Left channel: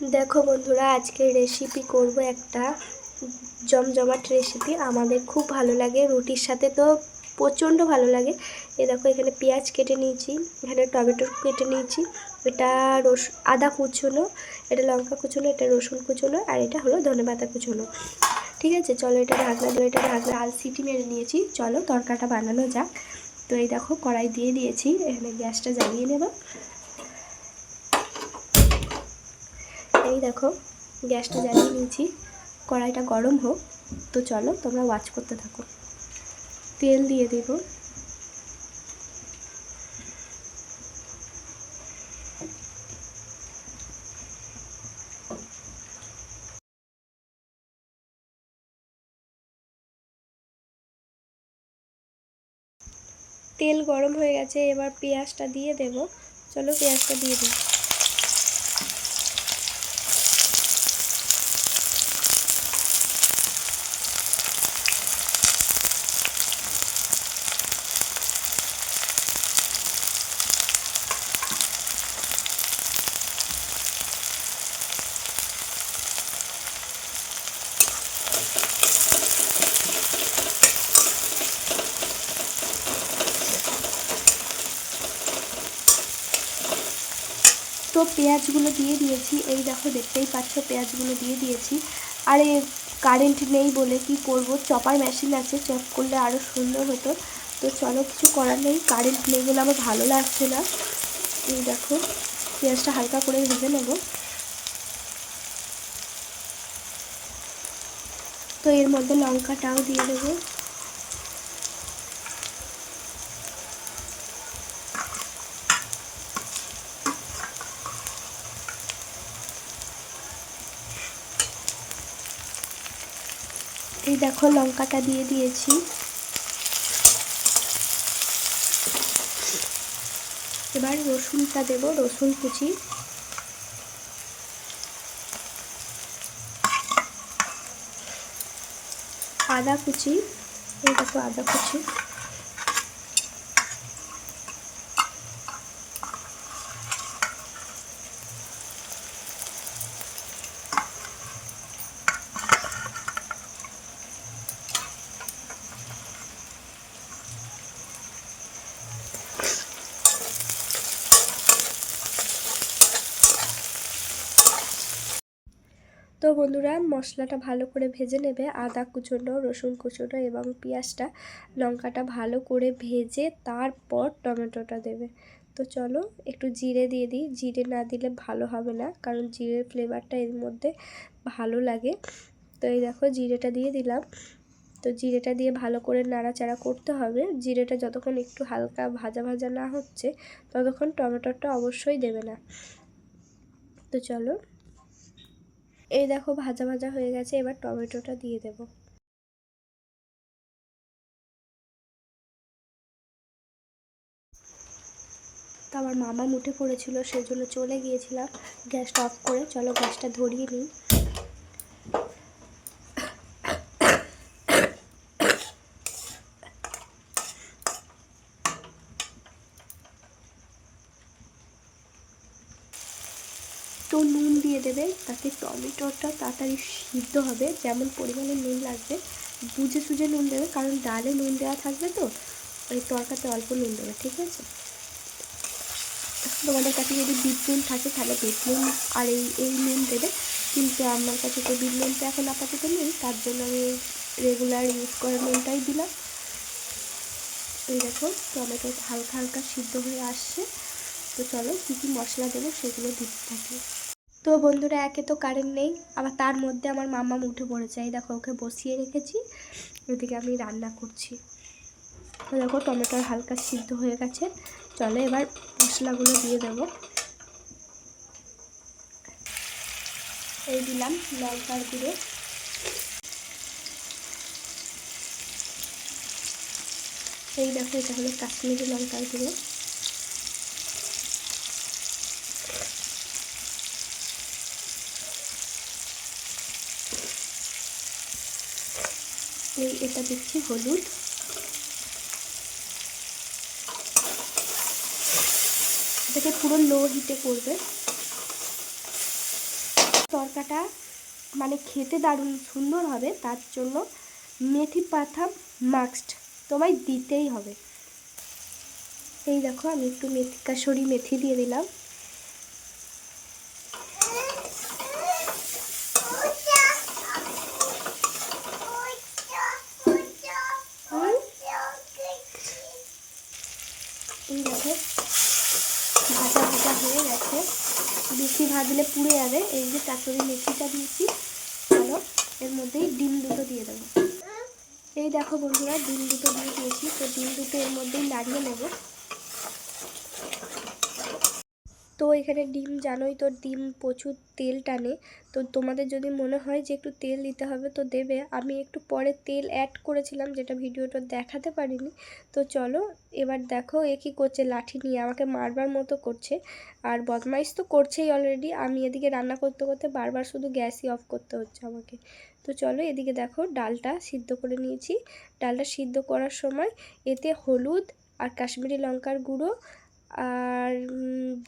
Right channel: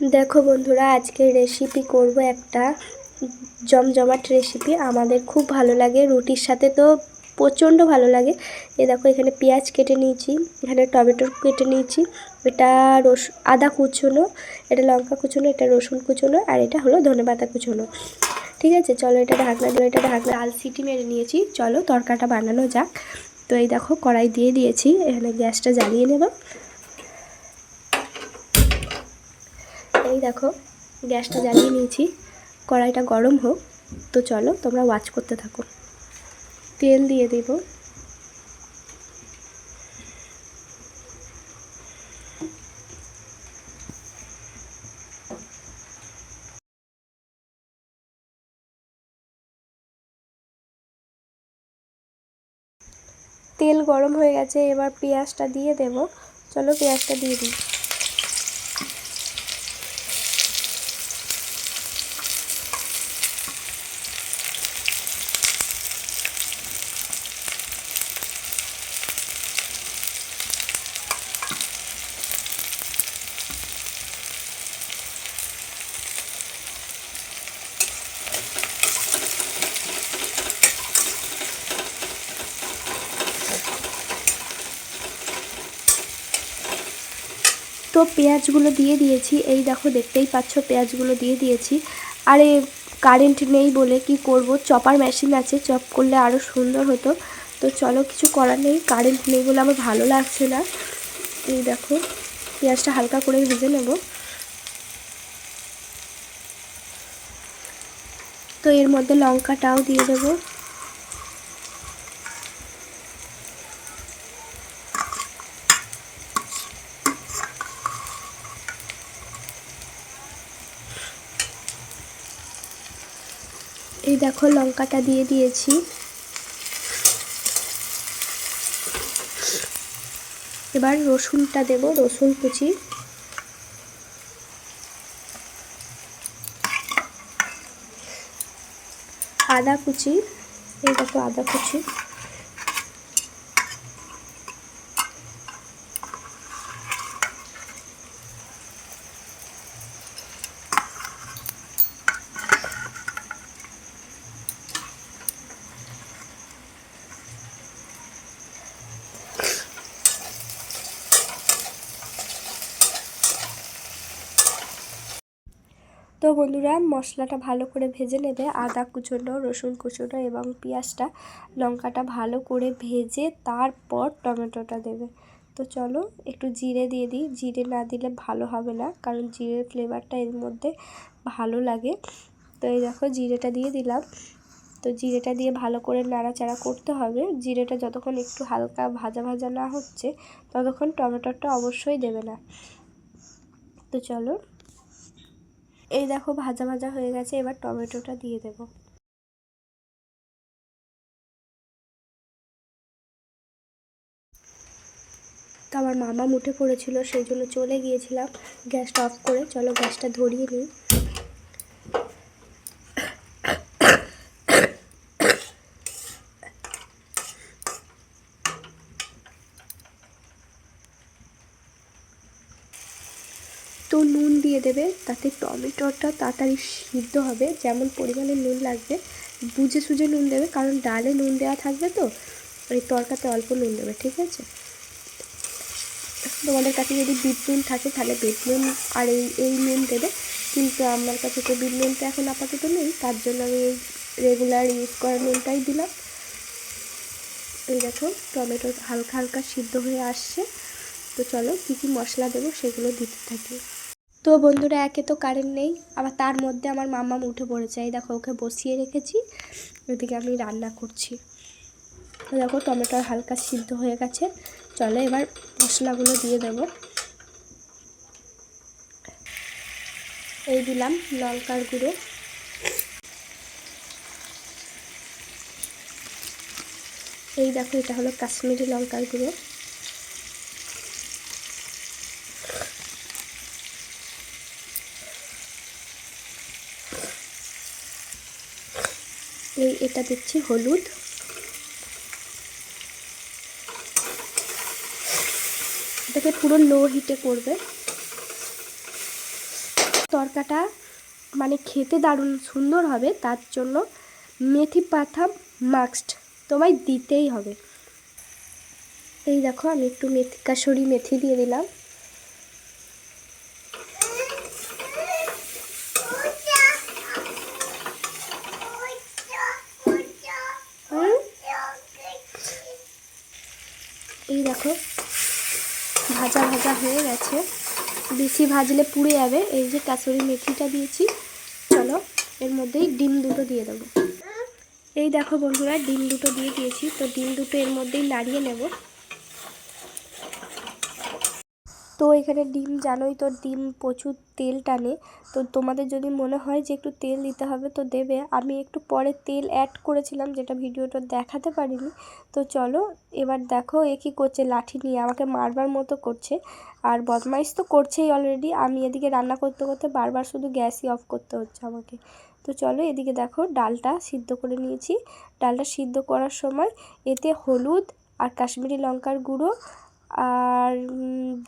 দেখো বন্ধুরা আজকে রেসিপি করব একটা জমজমাট রেসিপি আমাদের খুব ভালো লাগে, রুটির সাথে তো প্রচণ্ড ভালো লাগে। এ দেখো, এখানে পেঁয়াজ কেটে নিয়েছি, এখানে টমেটো কেটে নিয়েছি, এটা রস, আদা কুচোনো, এটা লঙ্কা কুচোনো, এটা রসুন কুচোনো, আর এটা হলো ধনে পাতা কুচোনো। ঠিক আছে? চলো এটা ঢাকনা দিয়ে, এটা ঢাকনা আল সিটি মেরে নিয়েছি। চলো তরকাটা বানানো যাক। তো এই দেখো, কড়াই দিয়ে দিয়েছি, এখানে গ্যাসটা জ্বালিয়ে নেব। এই দেখো, গ্যাসটা জ্বালিয়ে নিয়েছি। কড়াইটা গরম হোক, তো চলো তোমরা ওয়াচ করতে থাকো। তেল দিয়ে দেব। তেল গরম হয়ে গেছে, এবার পেঁয়াজটা দিয়ে দেব। চলো পেঁয়াজটা দিয়ে দিই। তো পেঁয়াজগুলো দিয়ে দিয়েছি। এই দেখো, দেখতেই পাচ্ছ, পেঁয়াজগুলো দিয়ে দিয়েছি। আরে কারেন্ট নেই বলে কি করব? চপার মেশিন আছে চপ করলে আরও সুন্দর হতো। তো চলো, কিছু করার নেই কারেন্ট নেই বলে আমার ভালো লাগছে না। এই দেখো, পেঁয়াজটা হালকা করে ভেজে নেব। তো এর মধ্যে লঙ্কাটাও দিয়ে দেবো। এই দেখো লঙ্কাটা দিয়ে দিয়েছি। এবার রসুনটা দেব, রসুন কুচি। আদা কুচি, এই দেখো আদা কুচি। বন্ধুরা, মশলাটা ভালো করে ভেজে নেবে। আদা কুচোনো, রসুন কুচোনো এবং পেঁয়াজটা লঙ্কাটা ভালো করে ভেজে তারপর টমেটোটা দেবে। তো চলো একটু জিরে দিয়ে দিই। জিরে না দিলে ভালো হবে না, কারণ জিরের ফ্লেভারটা এর মধ্যে ভালো লাগে। তো এই দেখো, জিরেটা দিয়ে দিলাম। তো জিরেটা দিয়ে ভালো করে নাড়াচাড়া করতে হবে। জিরেটা যতক্ষণ একটু হালকা ভাজা ভাজা না হচ্ছে, ততক্ষণ টমেটোটা অবশ্যই দেবে না। তো চলো এই দেখো, ভাজা ভাজা হয়ে গেছে, এবার টমেটোটা দিয়ে দেব। তো আমার মামা মুঠে পড়েছিল সেই জন্য চলে গিয়েছিলাম গ্যাসটা অফ করে। চলো গ্যাসটা ধরিয়ে নিই। তো নুন দিয়ে দেবে, তাতে টমেটোটা তাড়াতাড়ি সিদ্ধ হবে। যেমন পরিমাণে নুন লাগবে, বুঝে সুঝে নুন দেবে, কারণ ডালে নুন দেওয়া থাকবে তো, ওই তরকাতে অল্প নুন দেবে, ঠিক আছে? তোমাদের কাছে যদি বিট নুন থাকে, তাহলে বিট নুন আর এই এই নুন দেবে। কিন্তু আমার কাছে তো বিট নুনটা এখন আপাতত নেই, তার জন্য আমি রেগুলার ইউজ করা নুনটাই দিলাম। এই দেখো, টমেটো হালকা হালকা সিদ্ধ হয়ে আসছে। তো চলো, কী কী মশলা দেবো সেগুলো দিতে থাকি। তো বন্ধুরা, একে তো কারেন্ট নেই। আবার তার মধ্যে আমার মামা উঠে পড়েছে। এই দেখো, ওকে বসিয়ে রেখেছি। ওদিকে আমি রান্না করছি। তো দেখো টমেটো হালকা সিদ্ধ হয়ে গেছে। চলো এবার মশলাগুলো দিয়ে দেব। এই দিলাম লঙ্কার গুঁড়ো। এই দেখো, এটা হলো কাশ্মীরি লঙ্কার গুঁড়ো। এই, এটা দিচ্ছি হলুদ। এটাকে পুরো লো হিটে করবে। তরকাটা মানে খেতে দারুণ সুন্দর হবে, তার জন্য মেথি পাতা মাস্ট তোমায় দিতেই হবে। এই দেখো, আমি একটু মেথি কাসরি মেথি দিয়ে দিলাম হুম? এই দেখো ভাজা ভাজা হয়ে গেছে। বেশি ভাজলে পুড়ে যাবে। এই যে কাঁচুরি মেথিটা দিয়েছি। চলো, এর মধ্যেই ডিম দুটো দিয়ে দেবো। এই দেখো বন্ধুরা, ডিম দুটো দিয়ে দিয়েছি। তো ডিম দুটো এর মধ্যেই নাড়িয়ে নেব। তো এখানে ডিম জানোই তো ডিম প্রচুর তেল টানে। তো তোমাদের যদি মনে হয় যে একটু তেল দিতে হবে তো দেবে। আমি একটু পরে তেল অ্যাড করেছিলাম যেটা ভিডিওটা দেখাতে পারিনি। তো চলো এবার দেখো এ কী করছে লাঠি নিয়ে। আমাকে মারবার মতো করছে। আর বদমাইশ তো করছেই অলরেডি আমি এদিকে রান্না করতে করতে বারবার শুধু গ্যাসই অফ করতে হচ্ছে আমাকে। তো চলো এদিকে দেখো ডালটা সিদ্ধ করে নিয়েছি। ডালটা সিদ্ধ করার সময় এতে হলুদ আর কাশ্মীরি লঙ্কার গুঁড়ো আর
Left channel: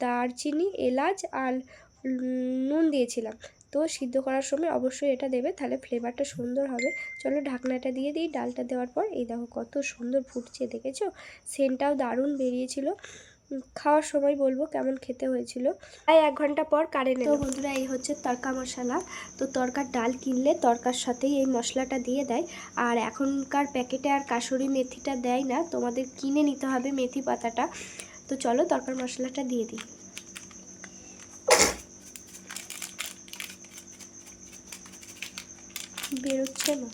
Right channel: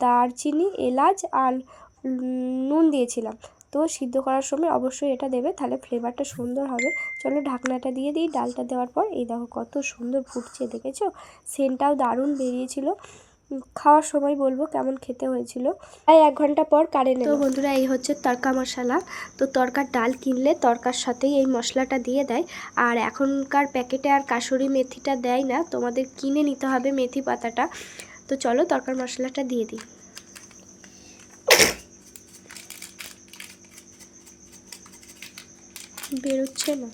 দারচিনি, এলাচ আর নুন দিয়েছিলাম। তো সিদ্ধ করার সময় অবশ্যই এটা দেবে, তাহলে ফ্লেভারটা সুন্দর হবে। চলো ঢাকনাটা দিয়ে দিই, ডালটা দেওয়ার পর, এই দেখো কত সুন্দর ফুটছে, দেখেছ? সেন্টটাও দারুণ বেরিয়েছিল। খাওয়ার সময় বলব কেমন খেতে হয়েছিল। প্রায় এক ঘণ্টা পর কারেন্ট তো বন্ধুরা, এই হচ্ছে তরকা মশলা। তো তরকার ডাল কিনলে তরকার সাথেই এই মশলাটা দিয়ে দেয়। আর এখনকার প্যাকেটে আর কাসুরি মেথিটা দেয় না, তোমাদের কিনে নিতে হবে মেথি পাতাটা। তো চলো তরকার মশলাটা দিয়ে দিই। বেরোচ্ছে না।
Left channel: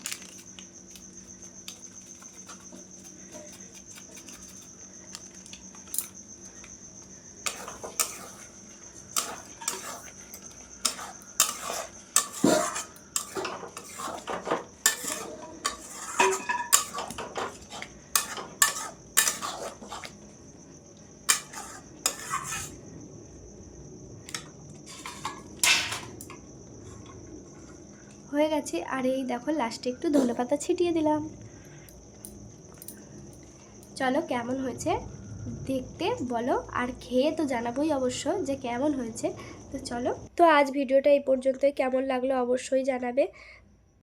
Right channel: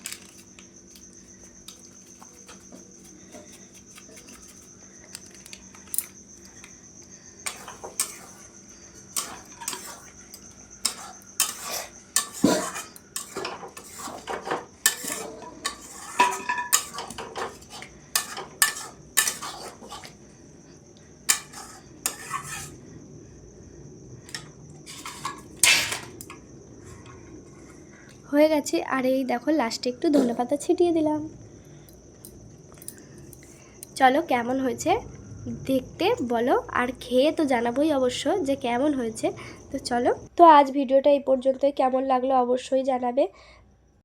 গেছে। আর এই দেখো লাস্টে একটু ধনে পাতা ছিটিয়ে দিলাম। চলো কেমন হয়েছে দেখতে বলো, আর খেয়ে তো জানাবোই অবশ্য যে কেমন হয়েছে। তো চলো, তো আজ ভিডিওটা এই পর্যন্তই। কেমন লাগল অবশ্যই জানাবে।